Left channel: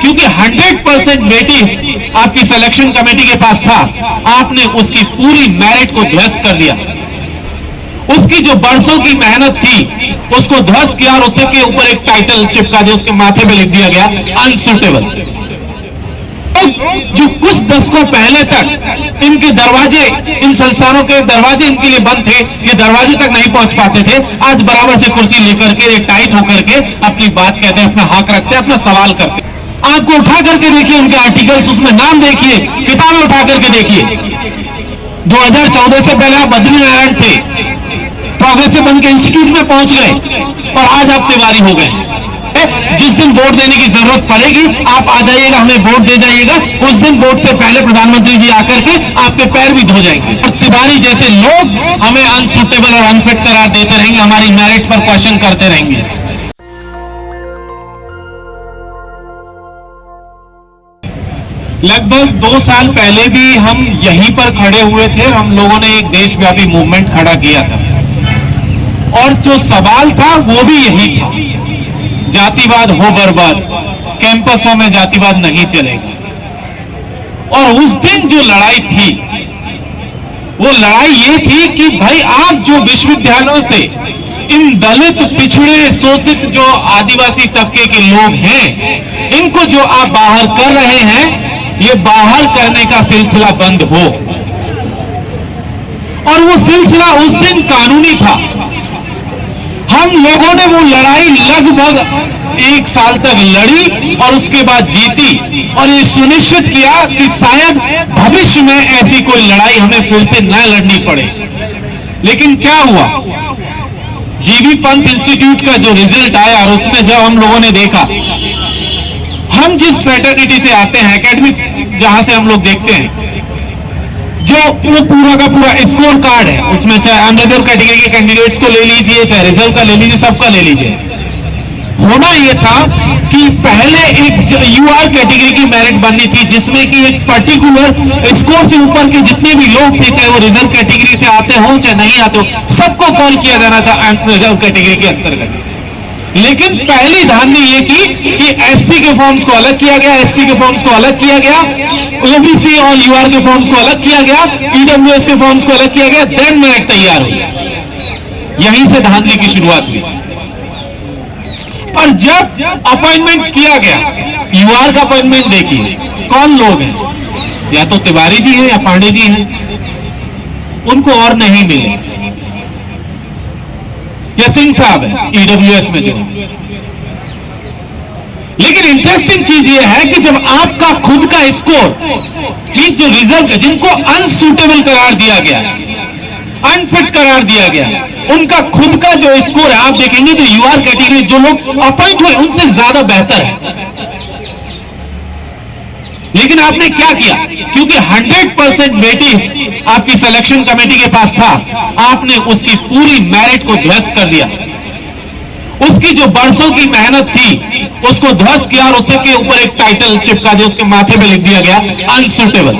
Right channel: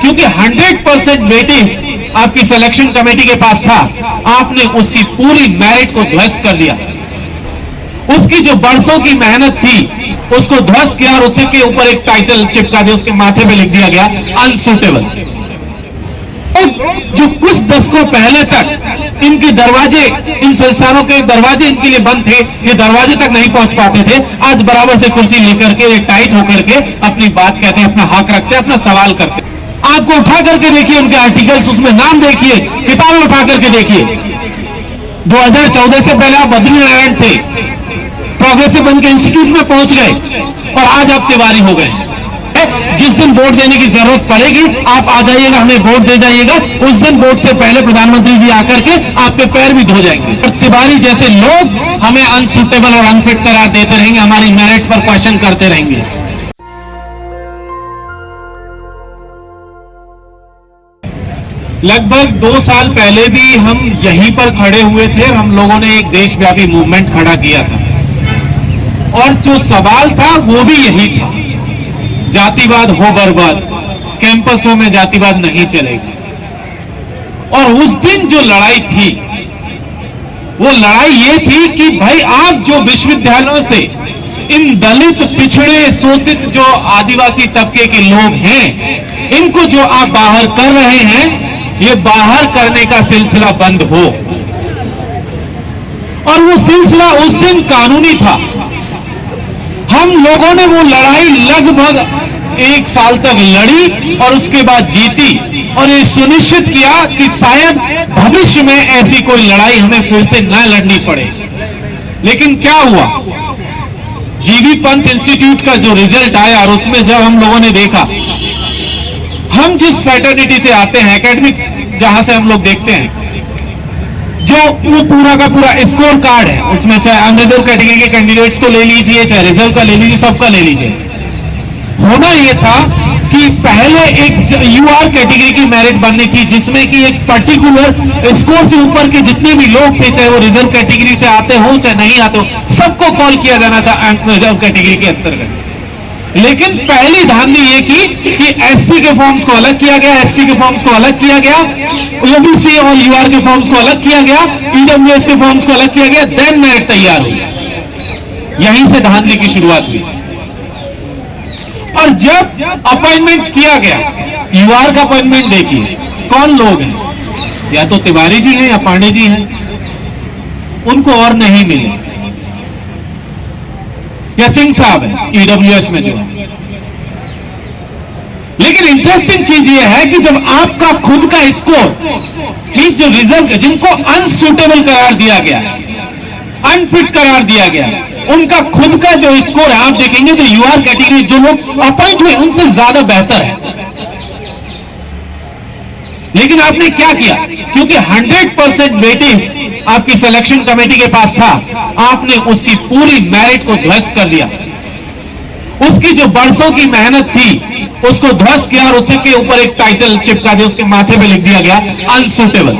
क्योंकि 100% वेटेज आपकी selection committee के पास था, आपने उसकी पूरी मेरिट को ध्वस्त कर दिया। उसकी जो बरसों की मेहनत थी उसको ध्वस्त किया और उसे के ऊपर एक टाइटल चिपका दिया, उसके माथे पे लिख दिया गया अनसूटेबल। जो कुछ दशकों पहले तक इनके दरवाजे, इन संस्थानों के दरवाजे इनके लिए बंद थे, ये दरवाजे तक नहीं पहुंच पाते थे, आज बराबर से कुर्सी लेकर के टाइट होकर के अपनी बात कहते हैं, अपना हक रखते हैं, अपना सवाल करते हैं। आपको उठा करके देखिए उनके आर्टिकल्स, उसमें नाम देखिए, किताबें उठा करके देखिए। 2014 से पहले आप बद्रीनारायण थे, प्रोग्रेसिव बन के इंस्टीट्यूट में पहुंच गए और आज आप तिवारी हो गए। जिस दिन वोट देने की जरूरत पड़ेगी आप आ जाइएगा, हमें वोट दे जाइएगा। उस दिन वोट से पहले प्रधानमंत्री जी आकर के आपके पैर भी धो जाएंगे। और तिवारी जैसे लोग हमें अनसूटेबल और अनफिट करार देते रहेंगे, हमारी मेरिट पर क्वेश्चन करते रहेंगे। लगभग 2 साल पहले भी हम यहीं पर खड़े हुए थे, हम लोगों ने एक देशव्यापी मूवमेंट खड़ा किया था और जो सवाल था वो भी यही था, जातिवाद हो बर्बाद, कैंपसों में जातिवाद नहीं चलेगा। और उस दिन जो लड़ाई थी वो लड़ाई ये थी कि भाई आप जो विश्वविद्यालयों से इन दलित, पिछड़े, शोषित जो आदिवासी तबके के लोग हैं, इनको जो आप बाहर कर रहे हैं, ये बाहर करने का सिलसिला बंद हो। और वो सिलसिला उस दिन कानूनी था। हम लोगों ने वो लड़ाई लगभग 1 साल तक लड़ी और उसके बाद जीती और ये सुनिश्चित किया कि शायद भविष्य में ऐसी कोई लड़ाई हमें फिर से न लड़नी पड़े। लेकिन क्या हुआ, जीबी पंत इंस्टीट्यूट का जो रिजल्ट आया और उसमें जब हम लोगों ने देखा, हम जिस फ्रेटर्निटी से आते हैं, एकेडमिक्स जहां से हम लोग देखते हैं, जो वो पूरा का पूरा स्कोर कार्ड है, उसमें चाहे अनरिजर्व कैटेगरी के कैंडिडेट्स को ले लीजिए, चाहे रिजर्व का ले लीजिए, सबका ले लीजिए। होना यह था कि पहले एक यूआर कैटेगरी की मेरिट बननी थी, जिसमें कि एक पर्टिकुलर स्कोर से ऊपर के जितने भी लोग थे, चाहे वो रिजर्व कैटेगरी से आते हो चाहे नहीं आते हो, सबको कॉल किया जाना था रिजर्व कैटेगरी के अंतर्गत। लेकिन पहली धांधली ये की कि एससी के फॉर्म्स को अलग किया गया, एसटी के फॉर्म्स को अलग किया गया, ओबीसी और यूआर के फॉर्म्स को अलग किया गया, ईडब्ल्यूएस के फॉर्म्स को अलग किया गया, देन मेरिट तैयार हुई। यहीं से धांधली की शुरुआत हुई। और जब अपॉइंटमेंट किया गया, यूआर का अपॉइंटमेंट देखिए, कौन लोग हैं, या तो तिवारी जी हैं या पांडे जी हैं, उनको और नहीं मिले, या सिंह साहब है ईडब्ल्यूएस में जो। लेकिन इंटरेस्टिंग चीज यह है कि जब आपका खुद का स्कोर, कि जो रिजर्व, जिनको अनसूटेबल करार दिया गया, अनफिट करार दिया गया, उनका खुद का जो स्कोर है, आप देखेंगे तो यूआर कैटेगरी जो लोग अपॉइंट हुए उनसे ज्यादा बेहतर है। लेकिन आपने क्या किया, क्योंकि 100% वेटेज आपकी सिलेक्शन कमेटी के पास था, आपने उसकी पूरी मेरिट को ध्वस्त कर दिया। उसकी जो बरसों की मेहनत थी उसको ध्वस्त किया और उसे के ऊपर एक टाइटल चिपका दिया, उसके माथे पे लिख दिया गया अनसूटेबल।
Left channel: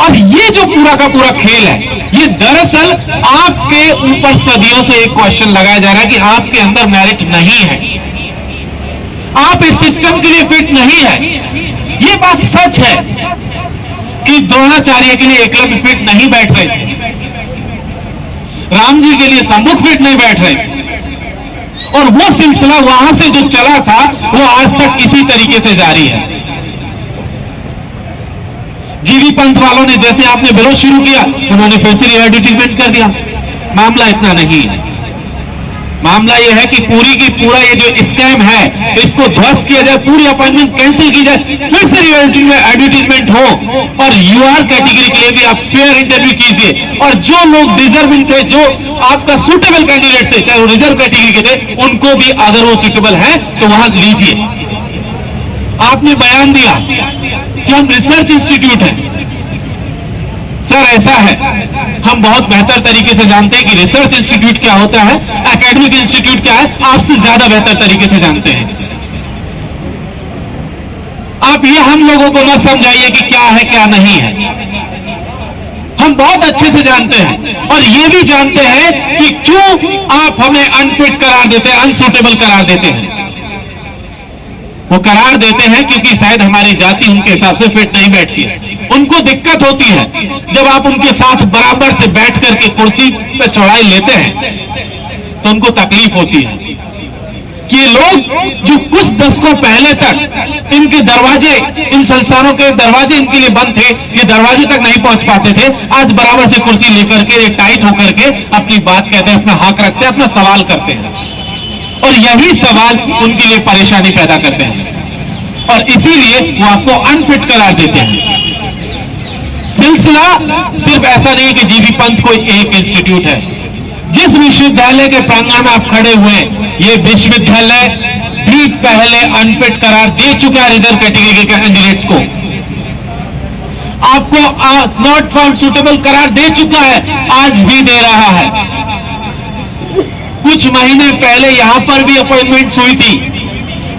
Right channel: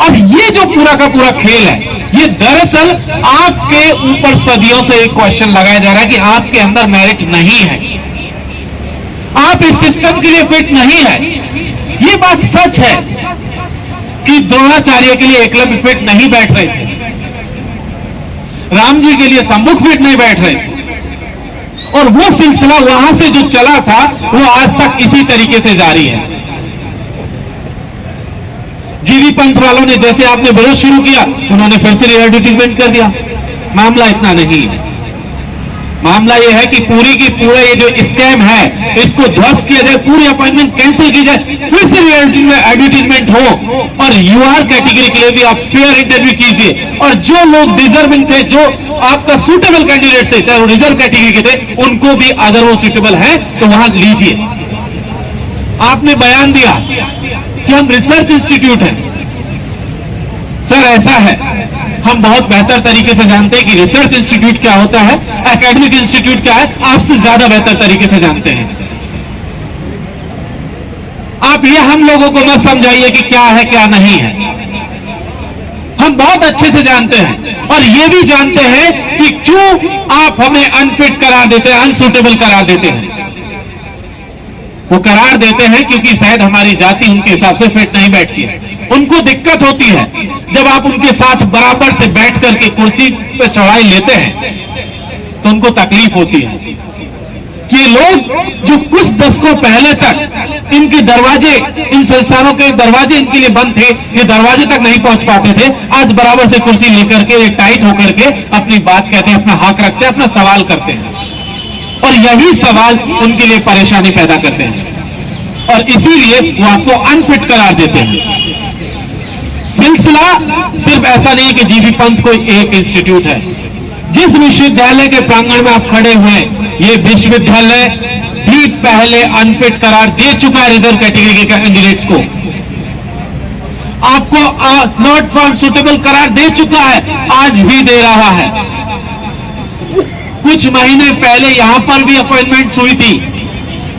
और ये जो पूरा का पूरा खेल है, ये दरअसल आपके ऊपर सदियों से एक क्वेश्चन लगाया जा रहा है कि आपके अंदर मेरिट नहीं है, आप इस सिस्टम के लिए फिट नहीं है। ये बात सच है कि द्रोणाचार्य के लिए एकलव्य फिट नहीं बैठ रहे थे, राम जी के लिए सम्मुख फिट नहीं बैठ रहे थे, और वो सिलसिला वहां से जो चला था वो आज तक इसी तरीके से जारी है। जीबी पंत वालों ने जैसे आपने विरोध शुरू किया, उन्होंने फिर से एडवर्टीजमेंट कर दिया। मामला इतना नहीं है, मामला यह है कि पूरी की पूरा ये जो स्कैम है इसको ध्वस्त किया जाए, पूरी अपॉइंटमेंट कैंसिल की जाए, फिर से एडवर्टीजमेंट हो, और यूआर कैटेगरी के लिए भी आप फेयर इंटरव्यू कीजिए, और जो लोग डिजर्विंग थे, जो आपका सूटेबल कैंडिडेट थे, चाहे वो रिजर्व कैटेगरी के थे, उनको भी अगर वो सूटेबल है तो वहां लीजिए। आपने बयान दिया कि हम रिसर्च इंस्टीट्यूट हैं। सर ऐसा है, हम बहुत बेहतर तरीके से जानते हैं कि रिसर्च इंस्टीट्यूट क्या होता है, एकेडमिक इंस्टीट्यूट क्या है, आपसे ज्यादा बेहतर तरीके से जानते हैं। आप ये हम लोगों को मत समझाइए कि क्या है क्या नहीं है, हम बहुत अच्छे से जानते हैं, और ये भी जानते हैं कि क्यों आप हमें अनफिट करार देते हैं, अनसूटेबल करार देते हैं। वो करार देते हैं क्योंकि शायद हमारी जाति उनके हिसाब से फिट नहीं बैठती है। उनको दिक्कत होती है जब आप उनके साथ बराबर से बैठ करके कुर्सी पे चढ़ाई लेते हैं तो उनको तकलीफ होती है कि लोग जो कुछ दशकों पहले तक इनके दरवाजे, इन संस्थानों के दरवाजे इनके लिए बंद थे, ये दरवाजे तक नहीं पहुंच पाते थे, आज बराबर से कुर्सी लेकर के टाइट होकर के अपनी बात कहते हैं, अपना हक रखते हैं, अपना सवाल करते हैं और यही सवाल उनके लिए परेशानी पैदा करते हैं और इसीलिए वो आपको अनफिट करार देते हैं। सिलसिला सिर्फ ऐसा नहीं है कि जीबी पंथ कोई एक इंस्टीट्यूट है। जिस विश्वविद्यालय के प्रांगण में आप खड़े हुए हैं, ये विश्वविद्यालय भी पहले अनफिट करार दे चुका है रिजर्व कैटेगरी के कैंडिडेट्स को। आपको नॉट फाउंड सुटेबल करार दे चुका है, आज भी दे रहा है। कुछ महीने पहले यहां पर भी अपॉइंटमेंट्स हुई थी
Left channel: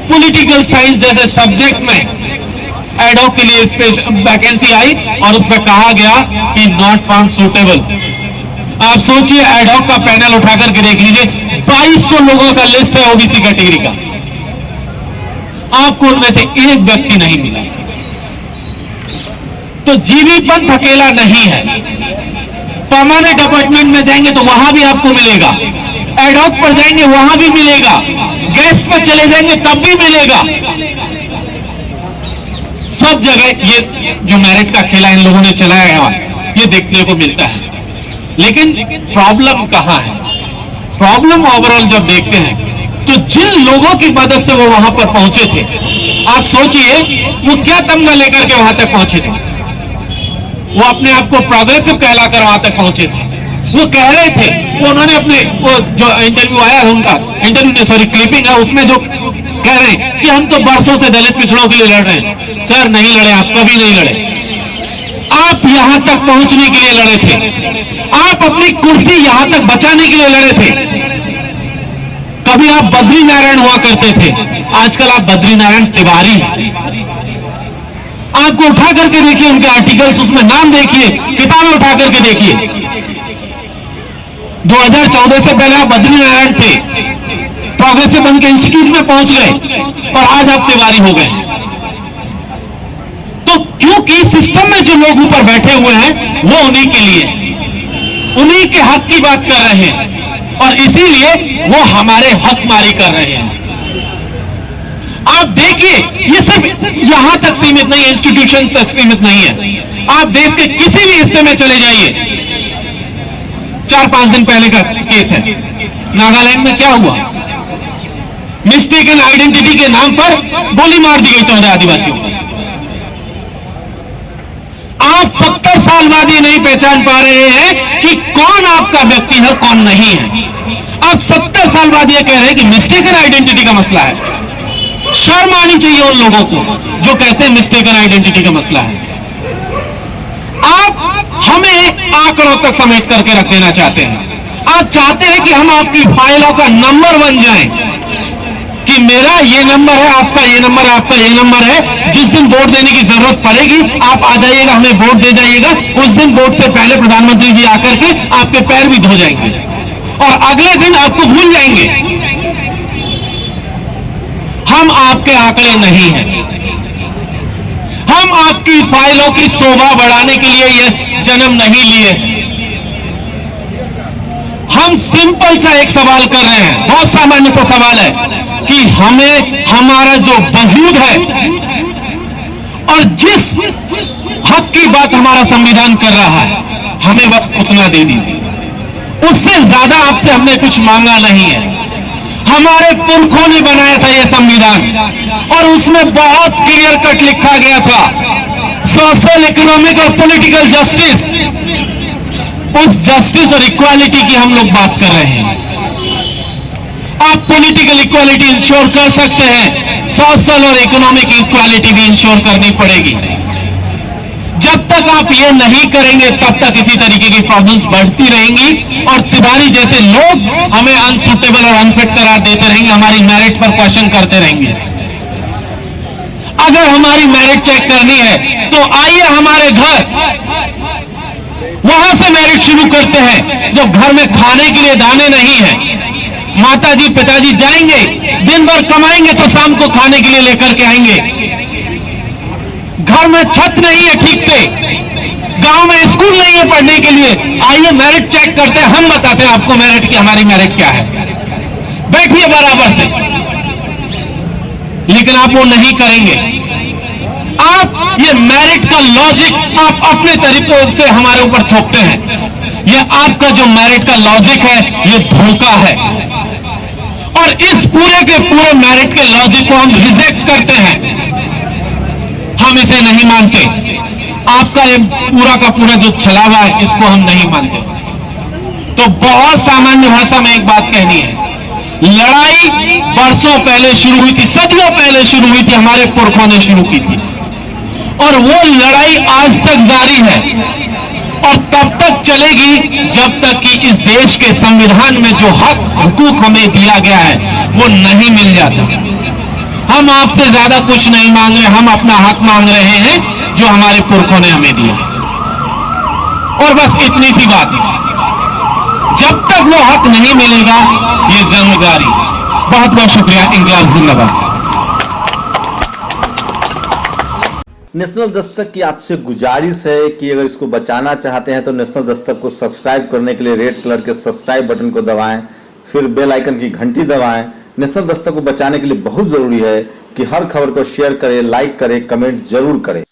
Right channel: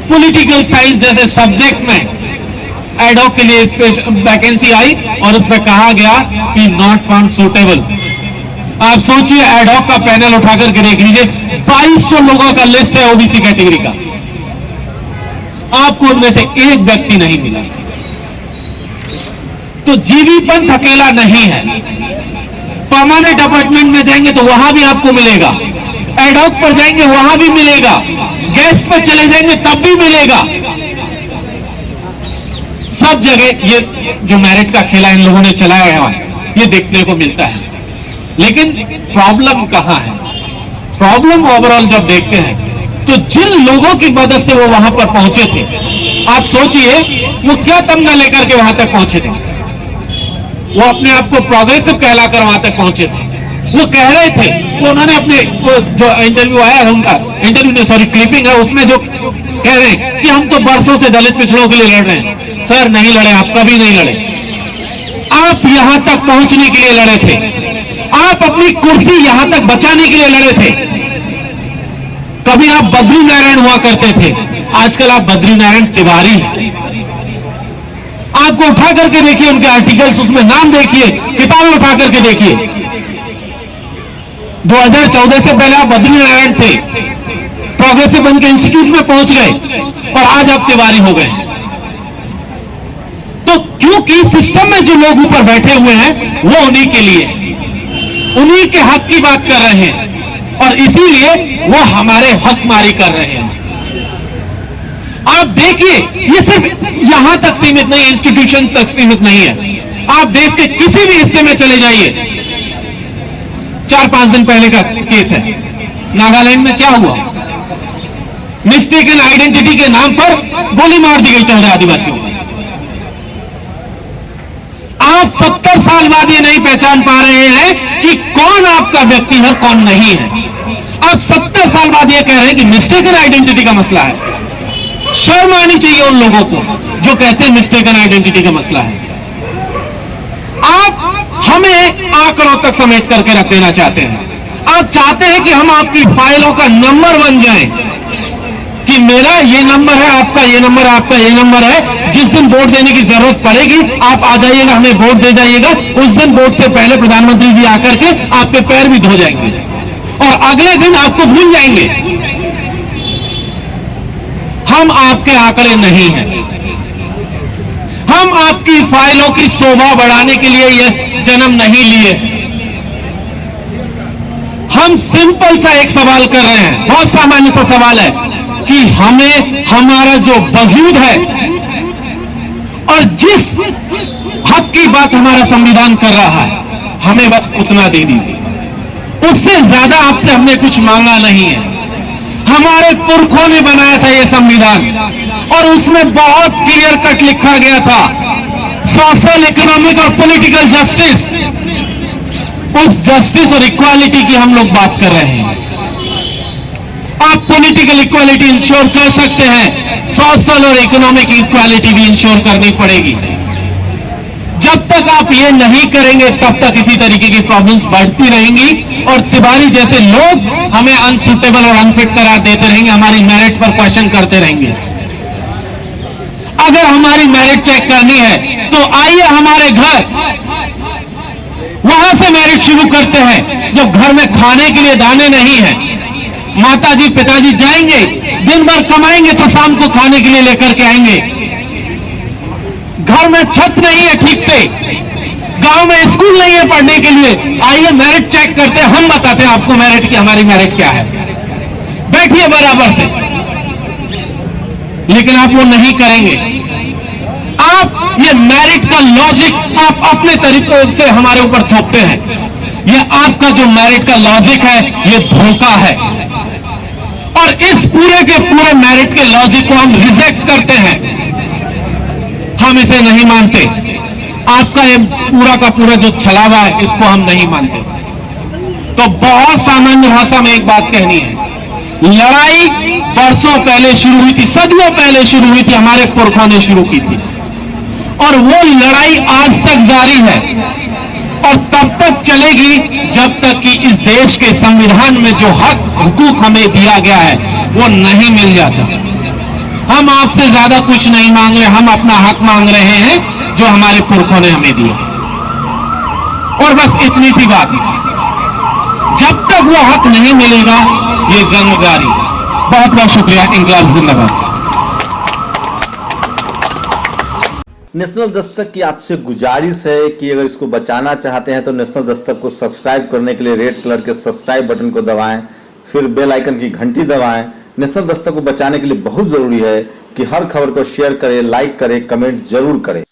पॉलिटिकल साइंस जैसे सब्जेक्ट में, एडॉक के लिए वैकेंसी आई और उसमें कहा गया कि नॉट फाउंड सुटेबल। आप सोचिए, एडॉक का पैनल उठाकर के देख लीजिए, 2200 लोगों का लिस्ट है ओबीसी कैटेगरी का, आपको उनमें से एक व्यक्ति नहीं मिला। तो जीबी पंथ अकेला नहीं है। परमानेंट अपॉइंटमेंट में जाएंगे तो वहां भी आपको मिलेगा, एडॉक पर जाएंगे वहां भी मिलेगा, गेस्ट पर चले जाएंगे तब भी मिलेगा। सब जगह ये जो मेरिट का खेला इन लोगों ने चलाया है ये देखने को मिलता है। लेकिन प्रॉब्लम कहां है? प्रॉब्लम ओवरऑल जब देखते हैं तो जिन लोगों की मदद से वो वहां पर पहुंचे थे, आप सोचिए वो क्या तमगा लेकर के वहां तक पहुंचे थे। वो अपने आप को प्रोग्रेसिव कहलाकर वहां तक पहुंचे थे। वो कह रहे थे, वो उन्होंने अपने वो जो इंटरव्यू आया है उनका, इंटरव्यू नहीं सॉरी क्लिपिंग है, उसमें जो कह रहे हैं कि हम तो बरसों से दलित पिछड़ों के लिए लड़ रहे हैं। सर नहीं लड़े, आप कभी नहीं लड़े। आप यहां तक पहुंचने के लिए लड़े थे, आप अपनी कुर्सी यहां तक बचाने के लिए लड़े थे। कभी आप बद्री नारायण हुआ करते थे, आजकल आप बद्री नारायण तिवारी हैं। आपको उठा करके देखिए उनके आर्टिकल्स, उसमें नाम देखिए, किताबें उठा करके देखिए। 2014 से पहले आप बद्री नारायण थे, प्रोग्रेसिव बन के इंस्टीट्यूट में पहुंच गए और आज आप तिवारी हो गए। तो क्योंकि सिस्टम में जो लोग ऊपर बैठे हुए हैं वो उन्हीं के लिए, उन्हीं के हक की बात कर रहे हैं और इसीलिए वो हमारे हक मारी कर रहे हैं। आप देखिए, ये सिर्फ यहां तक सीमित नहीं है, इंस्टीट्यूशन तक सीमित नहीं है। आप देश के किसी भी हिस्से में चले जाइए। 4-5 दिन पहले का केस है, नागालैंड में क्या हुआ? मिस्टेकन आइडेंटिटी के नाम पर गोली मार दी गई 14 आदिवासियों को। आप 70 साल बाद ये नहीं पहचान पा रहे हैं कि कौन आपका व्यक्ति है, कौन नहीं है। आप 70 साल बाद ये कह रहे हैं कि मिस्टेकन आइडेंटिटी का मसला है। शर्म आनी चाहिए उन लोगों को जो कहते हैं मिस्टेकन आइडेंटिटी का मसला है। आप हमें आंकड़ों तक समेट करके रख देना चाहते हैं। आप चाहते हैं कि हम आपकी फाइलों का नंबर बन जाएं, कि मेरा ये नंबर है, आपका ये नंबर है, आपका ये नंबर है। जिस दिन वोट देने की जरूरत पड़ेगी आप आ जाइएगा, हमें वोट दे जाइएगा। उस दिन वोट से पहले प्रधानमंत्री जी आकर के आपके पैर भी धो जाएंगे और अगले दिन आपको भूल जाएंगे। हम आपके आंकड़े नहीं हैं। हम आपकी फाइलों की शोभा बढ़ाने के लिए यह जन्म नहीं लिए। हम सिंपल सा एक सवाल कर रहे हैं, बहुत सामान्य सा सवाल है कि हमें हमारा जो वजूद है और जिस हक की बात हमारा संविधान कर रहा है, हमें बस उतना दे दीजिए। उससे ज्यादा आपसे हमने कुछ मांगा नहीं है। हमारे पुरखों ने बनाया था यह संविधान और उसमें बहुत क्लियर कट लिखा गया था, सोशल, इकोनॉमिक और पॉलिटिकल जस्टिस। उस जस्टिस और इक्वालिटी की हम लोग बात कर रहे हैं। आप पॉलिटिकल इक्वालिटी इंश्योर कर सकते हैं, सोशल और इकोनॉमिक इक्वालिटी भी इंश्योर करनी पड़ेगी। जब तक आप ये नहीं करेंगे तब तक इसी तरीके की प्रॉब्लम्स बढ़ती रहेंगी और तिवारी जैसे लोग हमें अनसुटेबल और अनफिट करार देते रहेंगे, हमारी मेरिट पर क्वेश्चन करते रहेंगे। अगर हमारी मेरिट चेक करनी है तो आइए हमारे घर, वहां से मेरिट शुरू करते हैं। जब घर में खाने के लिए दाने नहीं है, माताजी पिताजी जाएंगे दिन भर कमाएंगे तो शाम को खाने के लिए लेकर के आएंगे। घर में छत नहीं है ठीक से, गांव में स्कूल नहीं है पढ़ने के लिए, आइए मेरिट चेक करते हैं, हम बताते हैं आपको मेरिट की, हमारी मेरिट क्या है, बैठिए बराबर से। लेकिन आप वो नहीं करेंगे। आप ये मेरिट का लॉजिक आप अपने तरीकों से हमारे ऊपर थोपते हैं। ये आपका जो मेरिट का लॉजिक है ये धोखा है, और इस पूरे के पूरे मेरिट के लॉजिक को हम रिजेक्ट करते हैं, हम इसे नहीं मानते। आपका ये पूरा का पूरा जो छलावा है इसको हम नहीं मानते। तो बहुत सामान्य भाषा में एक बात कहनी है, लड़ाई वर्षों पहले शुरू हुई थी, सदियों पहले शुरू हुई थी, हमारे पुरखों ने शुरू की थी, और वो लड़ाई आज तक जारी है, और तब तक चलेगी जब तक कि इस देश के संविधान में जो हक हुकूक हमें दिया गया है वो नहीं मिल जाता। हम आपसे ज्यादा कुछ नहीं मांग रहे, हम अपना हक मांग रहे हैं जो हमारे पुरखों ने हमें दिया, और बस इतनी सी बात है। जब तक वो हक नहीं मिलेगा ये जंग जारी। बहुत बहुत शुक्रिया। इंकलाब जिंदाबाद। नेशनल दस्तक की आपसे गुजारिश है कि अगर इसको बचाना चाहते हैं तो नेशनल दस्तक को सब्सक्राइब करने के लिए रेड कलर के सब्सक्राइब बटन को दबाएं, फिर बेल आइकन की घंटी दबाएं। नेशनल दस्तक को बचाने के लिए बहुत जरूरी है कि हर खबर को शेयर करें, लाइक करें, कमेंट जरूर करें।